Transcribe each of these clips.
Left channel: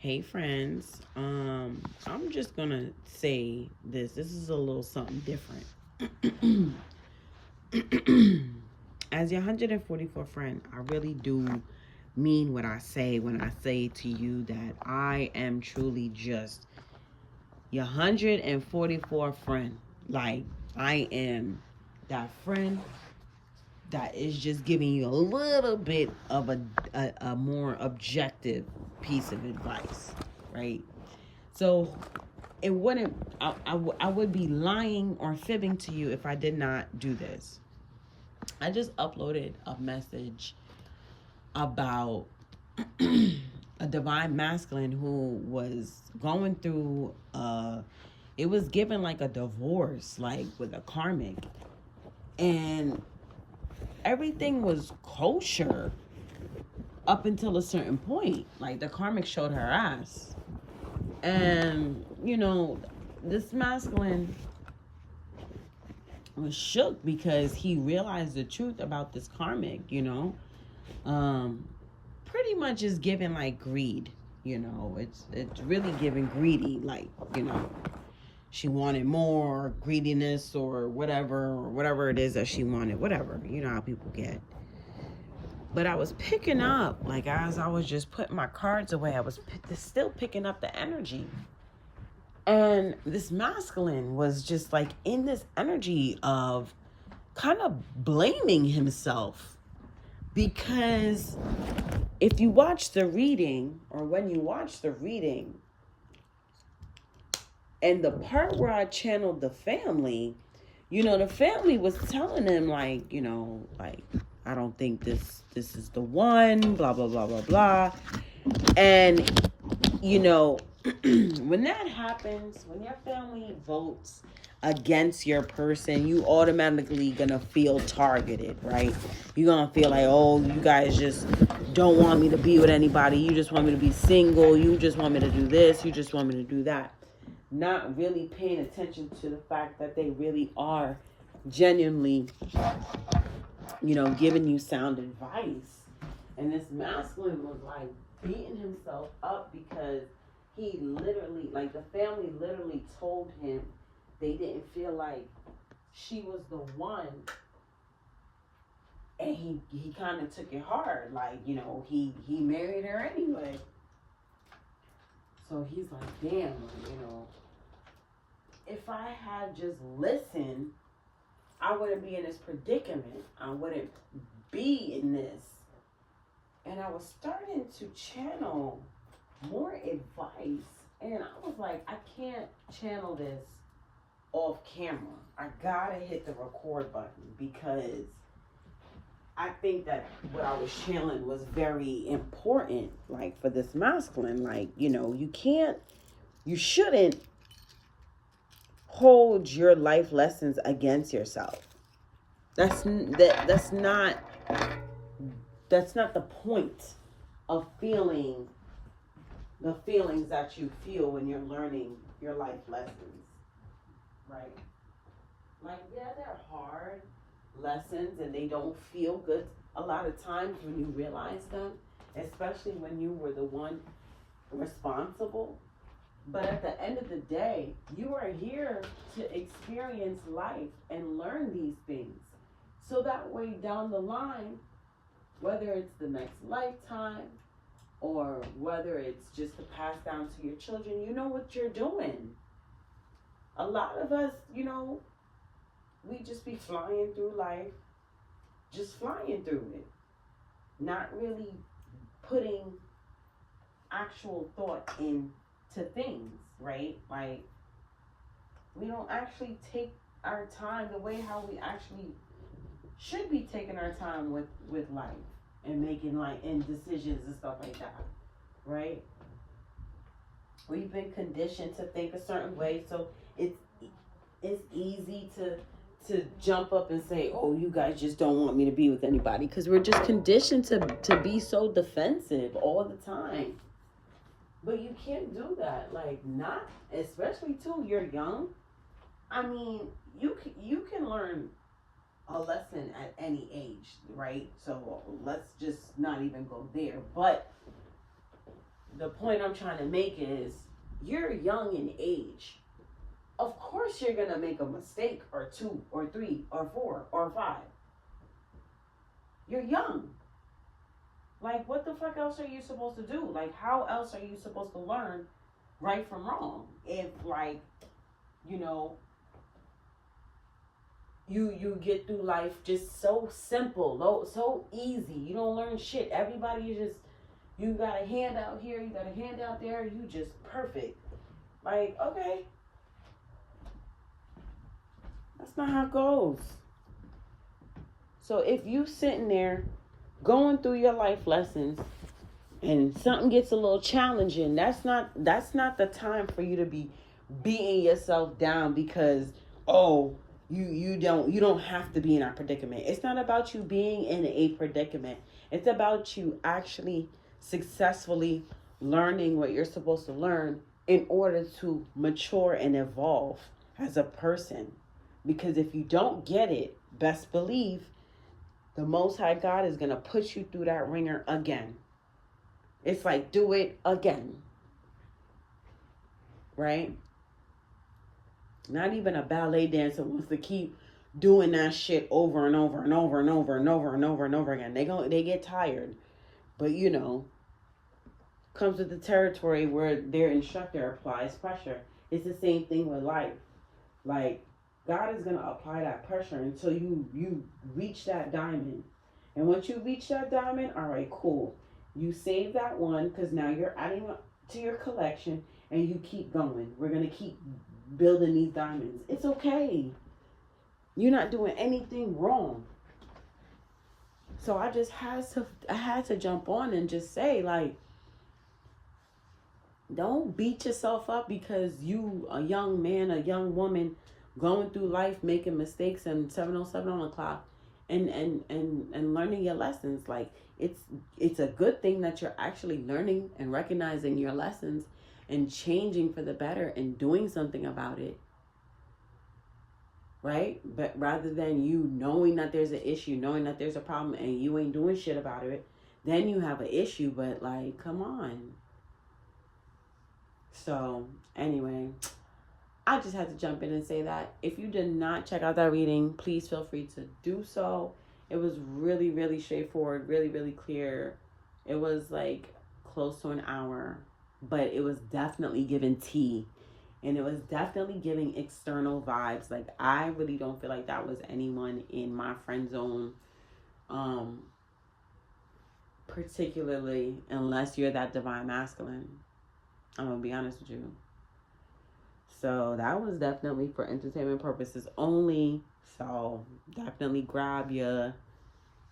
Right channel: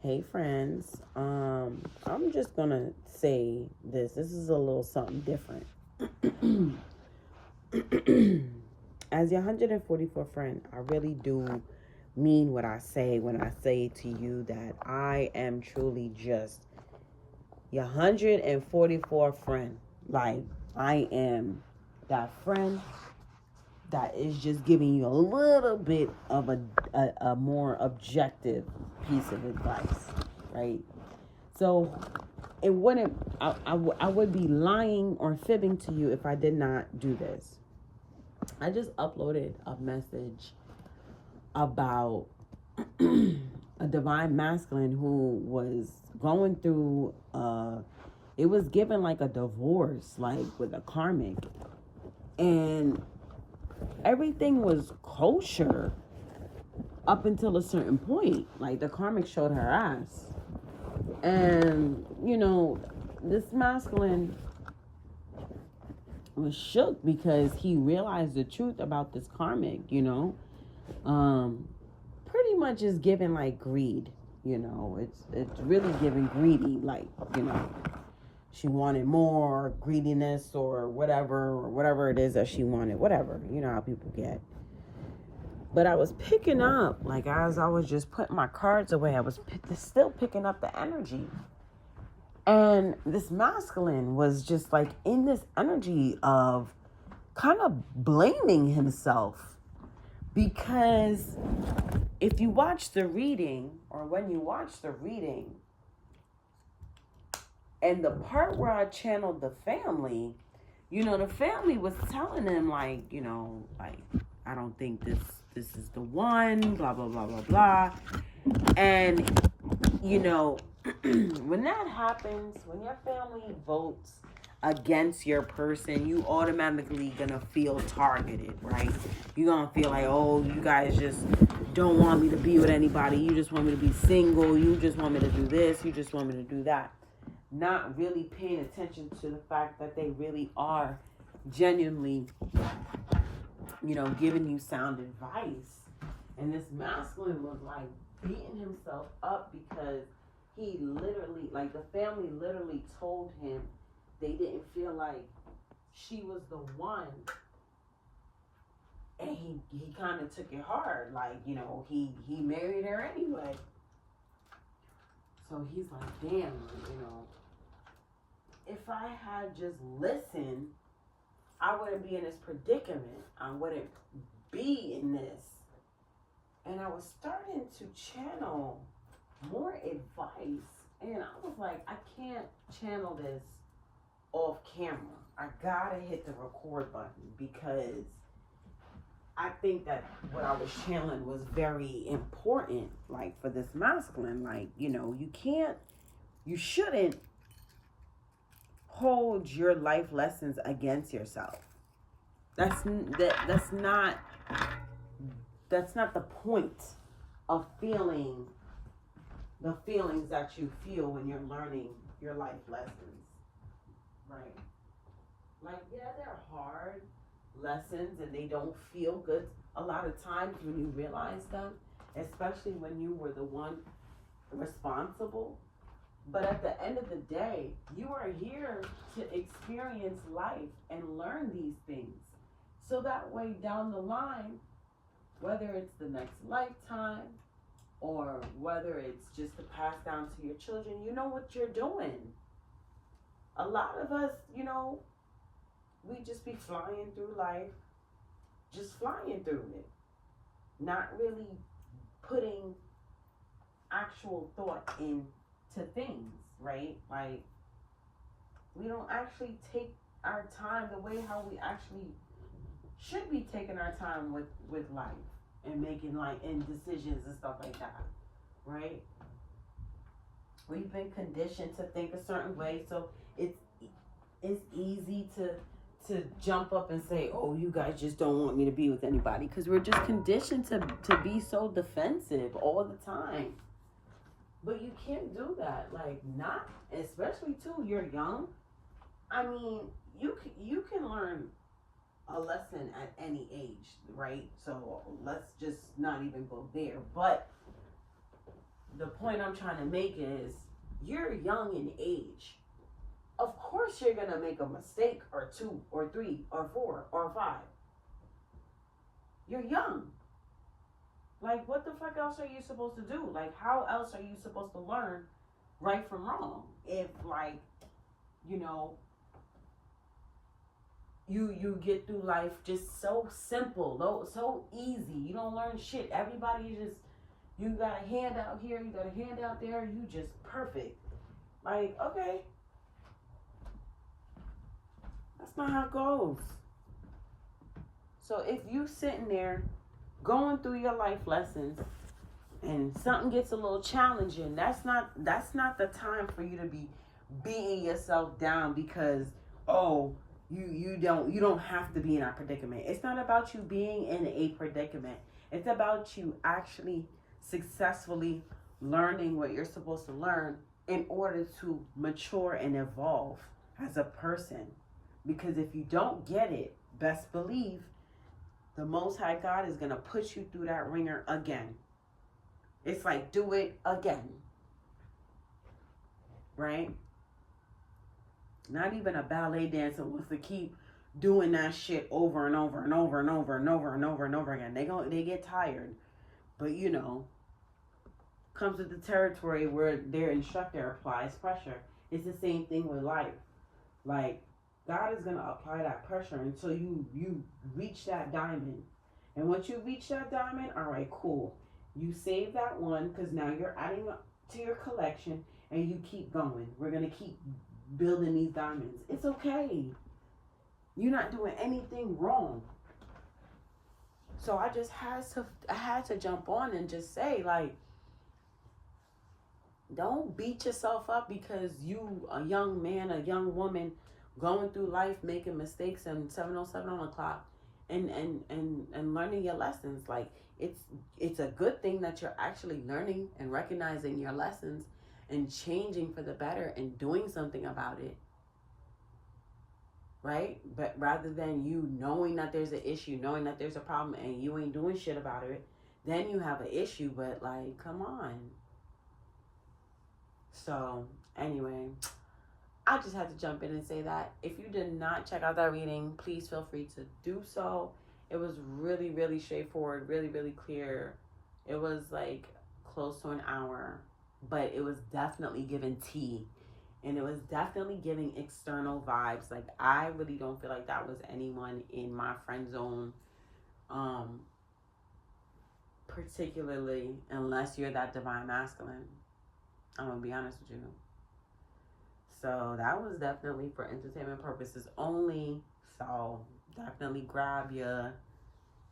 Hey friends, I'm just gonna say this. This is a little something different. As your 144 friend, I really do mean what I say when I say to you that I am truly just your 144 friend. Like, I am that friend that is just giving you a little bit of a more objective piece of advice, right? So it wouldn't, I would be lying or fibbing to you if I did not do this. I just uploaded a message about a divine masculine who was going through, it was given like a divorce, like with a karmic. And everything was kosher up until a certain point. Like the karmic showed her ass. And, this masculine was shook because he realized the truth about this karmic, pretty much is given like greed, it's really giving greedy, like, she wanted more greediness or whatever it is that she wanted, whatever, how people get. But I was picking up, like as I was just putting my cards away, I was still picking up the energy. And this masculine was just like in this energy of kind of blaming himself. Because if you watch the reading, or when you watch the reading, and the part where I channeled the family, the family was telling him like, like, I don't think this is the one, blah, blah, blah, blah, blah. And, when that happens, when your family votes against your person, you automatically gonna feel targeted, right? You're gonna feel like, oh, you guys just don't want me to be with anybody. You just want me to be single. You just want me to do this. You just want me to do that. Not really paying attention to the fact that they really are genuinely, giving you sound advice. And this masculine was like beating himself up because he literally, like the family literally told him they didn't feel like she was the one. And he kind of took it hard. Like, he married her anyway. So he's like, damn, if I had just listened, I wouldn't be in this predicament. I wouldn't be in this. And I was starting to channel more advice. And I was like, I can't channel this off camera. I gotta hit the record button because I think that what I was channeling was very important, like for this masculine. Like, you shouldn't hold your life lessons against yourself. That's not the point of feeling the feelings that you feel when you're learning your life lessons, right? Like, yeah, they're hard lessons and they don't feel good a lot of times when you realize them, especially when you were the one responsible. But at the end of the day, you are here to experience life and learn these things. So that way down the line, whether it's the next lifetime or whether it's just to pass down to your children, you know what you're doing. A lot of us, we just be flying through life, just flying through it, not really putting actual thought into things, right? Like, we don't actually take our time the way how we actually should be taking our time with life and making and decisions and stuff like that, right? We've been conditioned to think a certain way, so it's easy to jump up and say, oh, you guys just don't want me to be with anybody, because we're just conditioned to be so defensive all the time. But you can't do that, like, not, especially too, you're young. I mean, you can learn a lesson at any age, right? So let's just not even go there. But the point I'm trying to make is, you're young in age. Of course you're going to make a mistake or 2 or 3 or 4 or 5. You're young. Like, what the fuck else are you supposed to do? Like, how else are you supposed to learn right from wrong? If, like, you know, you get through life just so simple, so easy. You don't learn shit. Everybody just, you got a handout here, you got a handout there, you just perfect. Like, okay. That's not how it goes. So if you sitting there going through your life lessons and something gets a little challenging, that's not the time for you to be beating yourself down because, oh, you don't have to be in a predicament. It's not about you being in a predicament. It's about you actually successfully learning what you're supposed to learn in order to mature and evolve as a person. Because if you don't get it, best believe the Most High God is going to put you through that ringer again. It's like, do it again. Right? Not even a ballet dancer wants to keep doing that shit over and over and over and over and over and over and over again. They get tired. But you know, comes with the territory where their instructor applies pressure. It's the same thing with life. Like, God is gonna apply that pressure until you reach that diamond. And once you reach that diamond, all right, cool. You save that one because now you're adding to your collection and you keep going. We're gonna keep building these diamonds. It's okay. You're not doing anything wrong. So I had to jump on and just say, like, don't beat yourself up because you, a young man, a young woman, going through life making mistakes and 7:07 on the clock and learning your lessons. Like, it's a good thing that you're actually learning and recognizing your lessons and changing for the better and doing something about it, right? But rather than you knowing that there's an issue, knowing that there's a problem and you ain't doing shit about it, then you have an issue. But like, come on. So anyway, I just had to jump in and say that. If you did not check out that reading, please feel free to do so. It was really, really straightforward, really, really clear. It was like close to an hour, but it was definitely giving tea. And it was definitely giving external vibes. Like, I really don't feel like that was anyone in my friend zone, particularly unless you're that divine masculine. I'm going to be honest with you. So that was definitely for entertainment purposes only. So definitely grab your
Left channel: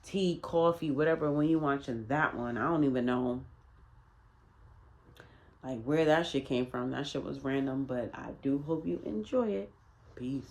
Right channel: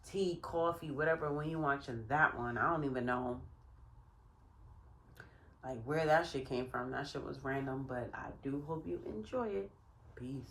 tea, coffee, whatever when you're watching that one. I don't even know like where that shit came from. That shit was random, but I do hope you enjoy it. Peace.